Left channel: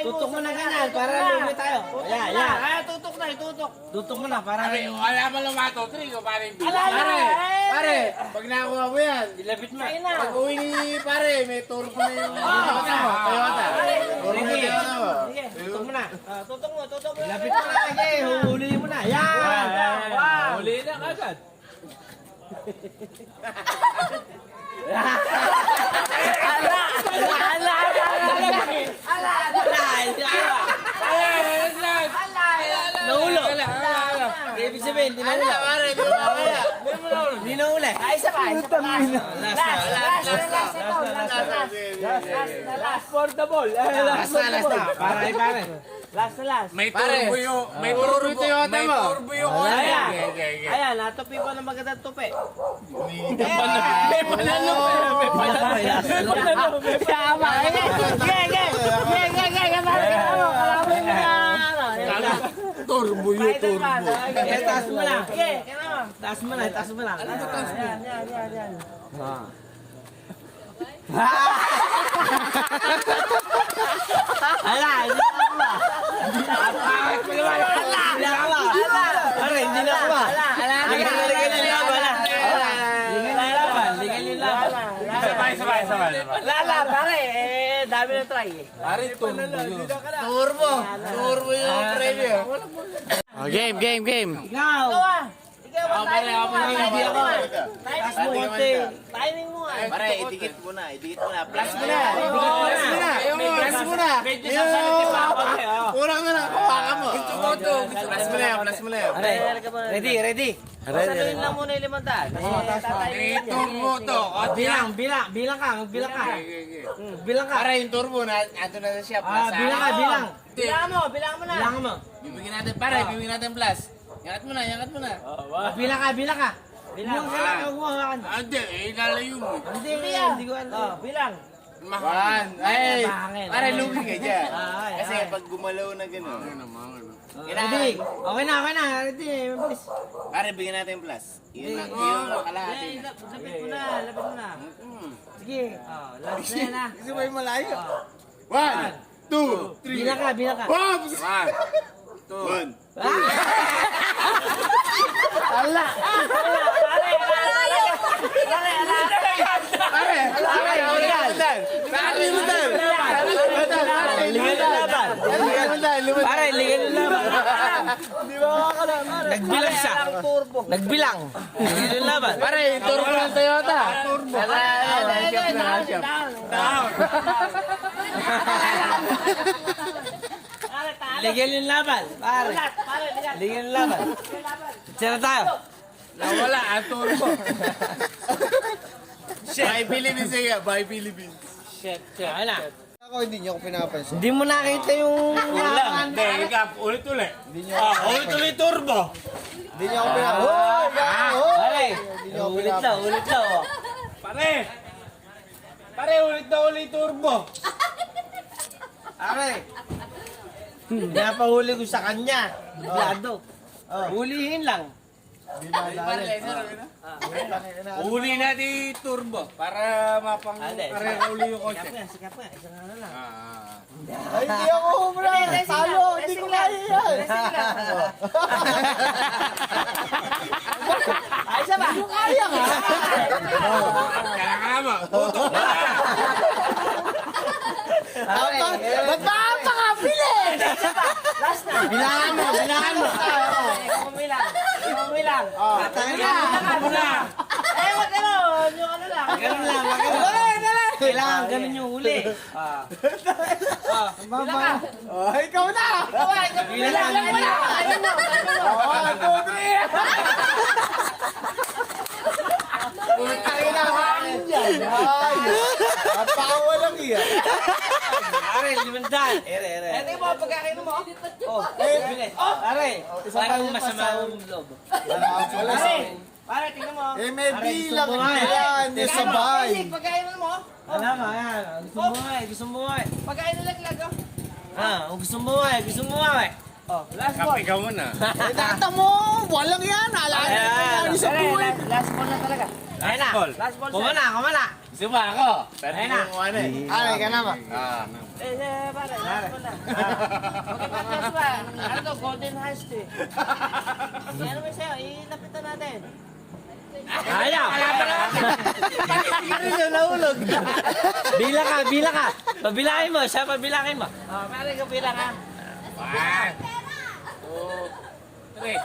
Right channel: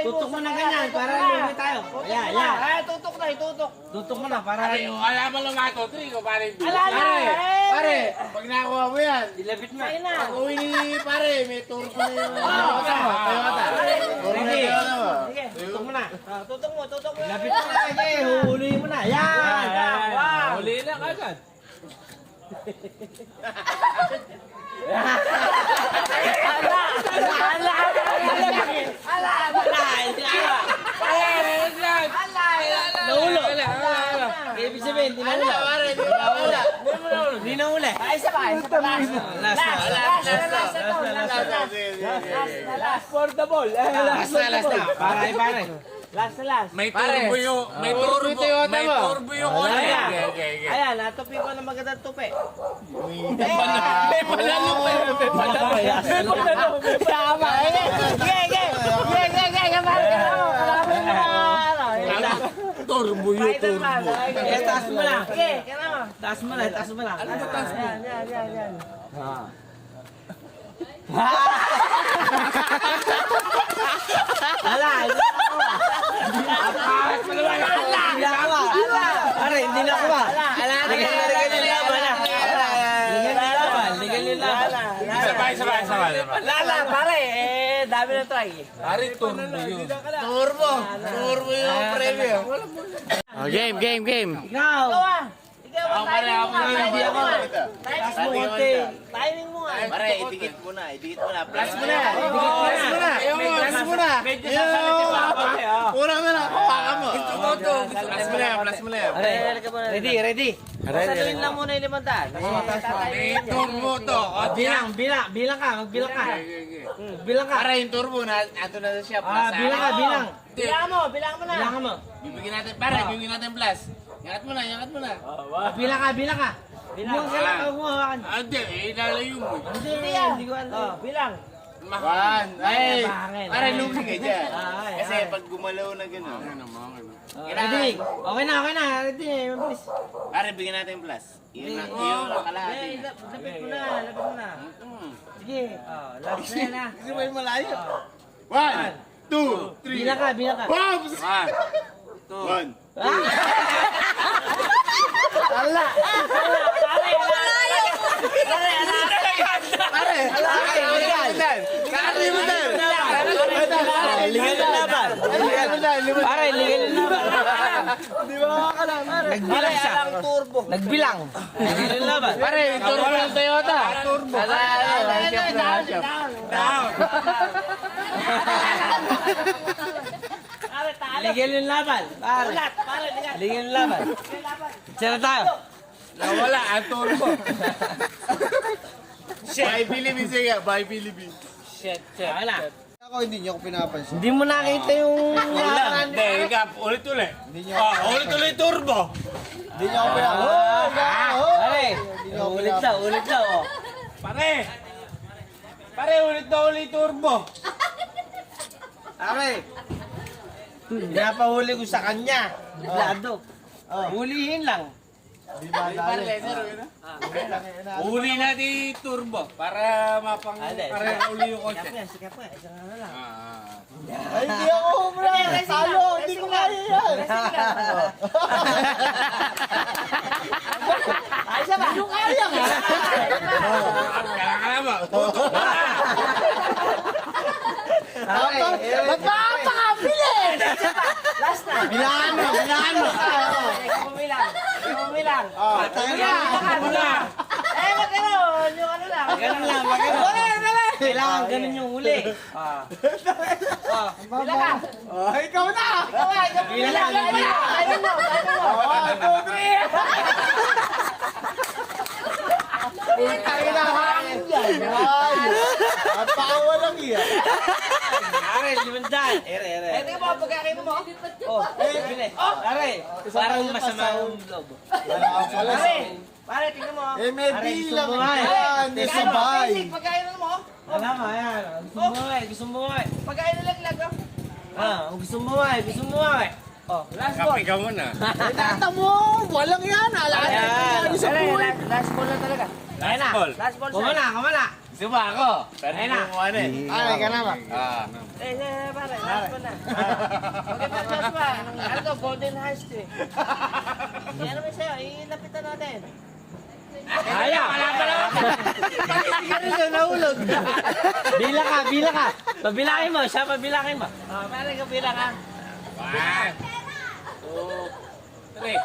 Tutok mo na ganyan, para lumi tayo. Ayan, ayan. Ay, tutok na, itutok. Tutok mo na, para... Pare, wala man lumato. Trigo, pare. Pare, Pag nakuha mo yan, Ilapit mo. pag uwi ni pare, may turbo na yung Toyota. Sige. Sige. Tutok mo na. Tutok mo, tutok mo. Ilapit mo na, sige. Huhulihin mo na. Ayan. Wow. Huli na agad. Naulo. Ibig sabihin, di naulo. Di naulo. Ay, isa pa, isa pa. Last for the ball. Last na. Pare. Last. May turbo yung, may turbo yung kotse. Ayan, natupi ko ng magandang tupi. Turbo yung turbo. Taas mo lang. Okay, kaya mo. Taas mo lang. Yan. Ala, hindi na ako. Pare, hindi na ako. Ligal yung laban na. Ligal yung laban. Sabay. Lala, pare, dami na try. Pare, turbo yun. Turbo yung premyo. Game. Ikaw. Ikaw ang timing mo nga. Hindi ako. Taas mo konti. Timing mo nga. Pare, idikit mo na. Plus mo na. Plus mo na. Kurang na lang, hawakan mo. Plus mo na. Ready. Sabihin lang muna yung 500. May turbo to. Bilang ka. Magbilang ka. Bilang ka. Para yung turbo na, ato na sa shop. Bilang. Bilangan mo na. Bilang mo. Bibigyan natin plus. Yangat mo na. Bilang ka. Bilang ka lang. Hindi, lalayo mo. Hindi ko alam. Bilang. One. Ay, Bangin. para lugi ka dyan. Ay. Kasi pag gumalaw na gano'n. Ready. Okay na. Ready. Mabilis. Pare, bigyan natin yung plus. Yun ang kalahati. Lapit mo na. Sige. Last na yan. Kasi may malayo. 1, 2, 3. Bilang ka. Pops! 1. Ala. Pare, ligal na. Nagbilang siya. Nagbilang. Pare, turbo ng Toyota. Turbo. Ligal yung laban. Pare. Ligal yung laban. Tira tayo. Nawala ang turbo. Shit, by Philippines. Shit. Okay na. Ako hindi niyo ako pinapansin. Hindi mo nakita yung... Hindi, ulit-ulit. Hindi niyo ako Ulit-ulit turbo. Hindi niyo ako pinapansin. Pare. Hindi niyo ako Ulit pinapansin. lang. Oh. Pare, ulit na ulit turbo. Pare. Napahuli ko sa kanya. Biglado. Hulihin lang. Uli natin turbo para mapang-pareho uli yung kotse. Sikap nga. Isang ano lang. Ay, hindi ako humula. Talo, hindi ko kaya yan. Ay, isa ba? Hindi ko kaya nga. Kailangan mo. Tutok na. Nagkakabilis! Last na. Bilangan mo. Bilang. Bilangan mo na. Magkaroon. Yung ano lang. Ganun lang. Kailangan ganun yung huli. Bilang ka. Ikaw na! Bilang. Timing mo. Napawa lang yan. Pare, 500. Ere. Ito yung mga pagkakin mo. Bilis. Pare, parang masama ang loob. Pare, tingnan mo. Eh, may Pare, bilang gusto mo nga eh. yan. May sabay. Basic, pagkain mo. Alam mo, ayan. Gusto mo nga eh. Pagkain na laglag. Gusto mo nga eh. Last ball. Kapi ka muna. Tata mo! Walang yan. Alam Ayan. mo. Last ball na talaga. Ayan na. Ball. Last ball. Kumana. Suma ako. Pero kumuha na eh. Okay ka na ba? Pare, last one na. Okay pa, Joshua. Ano, golden heist eh. Ano may sa'yo, ilapitan natin. Kaya, kalaban na. Pati sigarilyo na nahulog. Bila ka. Pabilangin mo, siya pabilangin mo. Pare, kabilang ha. 1, 2, 3.